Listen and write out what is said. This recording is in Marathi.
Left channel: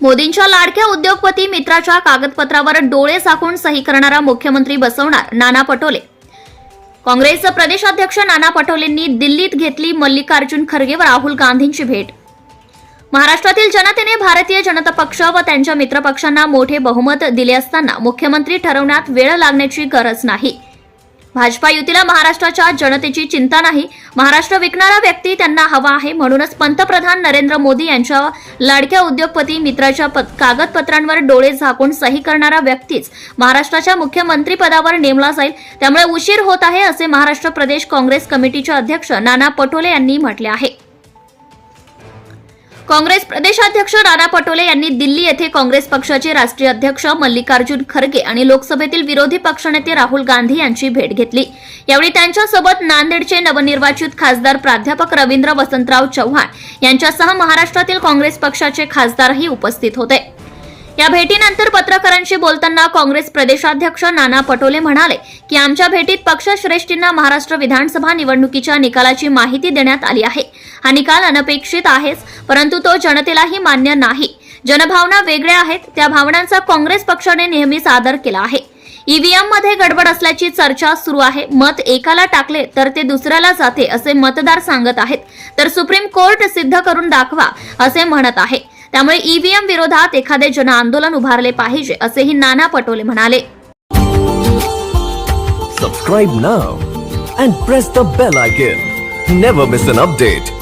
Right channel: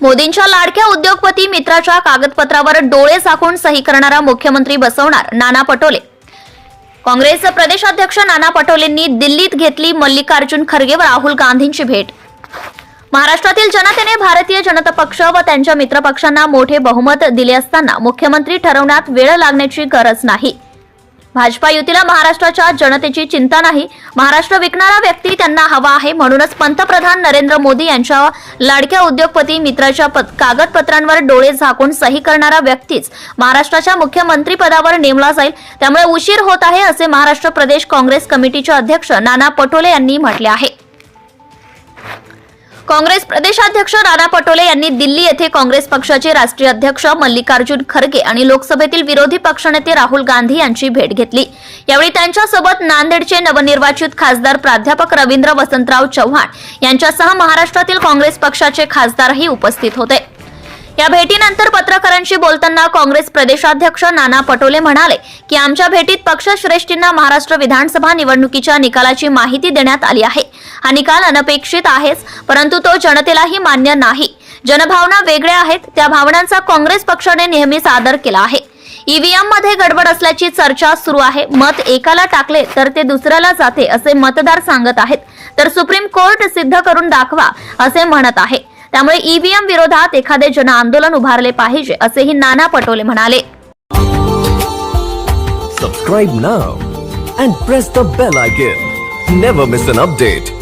मोदींच्या लाडक्या उद्योगपती मित्राच्या कागदपत्रावर डोळे झाकून सही करणारा मुख्यमंत्री बसवणार नाना पटोले. काँग्रेसचे प्रदेशाध्यक्ष नाना पटोलेंनी दिल्लीत घेतली मल्लिकार्जुन खरगे व राहुल गांधींची भेट. महाराष्ट्रातील जनतेने भारतीय जनता पक्ष व त्यांच्या मित्रपक्षांना मोठे बहुमत दिले असताना मुख्यमंत्री ठरवण्यात वेळ लागण्याची गरज नाही. भाजपा युतीला महाराष्ट्राच्या जनतेची चिंता नाही. महाराष्ट्र विकणारा व्यक्ती त्यांना हवा आहे म्हणूनच पंतप्रधान नरेंद्र मोदी यांच्या लाडक्या उद्योगपती मित्राच्या पद- कागदपत्रांवर डोळे झाकून सही करणारा व्यक्तीच महाराष्ट्राच्या मुख्यमंत्रीपदावर नेमला जाईल. त्यामुळे उशीर होत आहे असे महाराष्ट्र प्रदेश काँग्रेस कमिटीचे अध्यक्ष नाना पटोले यांनी म्हटले आहे. काँग्रेस प्रदेशाध्यक्ष नाना पटोले यांनी दिल्ली येथे काँग्रेस पक्षाचे राष्ट्रीय अध्यक्ष मल्लिकार्जुन खरगे आणि लोकसभेतील विरोधी पक्षनेते राहुल गांधी यांची भेट घेतली. यावेळी त्यांच्यासोबत नांदेडचे नवनिर्वाचित खासदार प्राध्यापक रवींद्र वसंतराव चव्हाण यांच्यासह महाराष्ट्रातील काँग्रेस पक्षाचे खासदारही उपस्थित होते. या भेटीनंतर पत्रकारांशी बोलताना काँग्रेस प्रदेशाध्यक्ष नाना पटोले म्हणाले की आमच्या भेटीत पक्षश्रेष्ठींना महाराष्ट्र विधानसभा निवडणुकीच्या निकालाची माहिती देण्यात आली आहे. हा निकाल अनपेक्षित आहेच परंतु तो जनतेलाही मान्य नाही. जनभावना वेगळ्या आहेत त्या भावनांचा काँग्रेस पक्षाने नेहमीच आदर केला आहे. ईव्हीएममध्ये गडबड असल्याची चर्चा सुरू आहे. मत एकाला टाकले तर ते दुसऱ्याला जाते असे मतदार सांगत आहेत. तर सुप्रीम कोर्ट सिद्ध करून दाखवा असे म्हणत आहे. त्यामुळे ईव्हीएम विरोधात एखादे जन आंदोलन उभारले पाहिजे असेही नाना पटोले म्हणाले subscribe now and press the bell icon never miss an update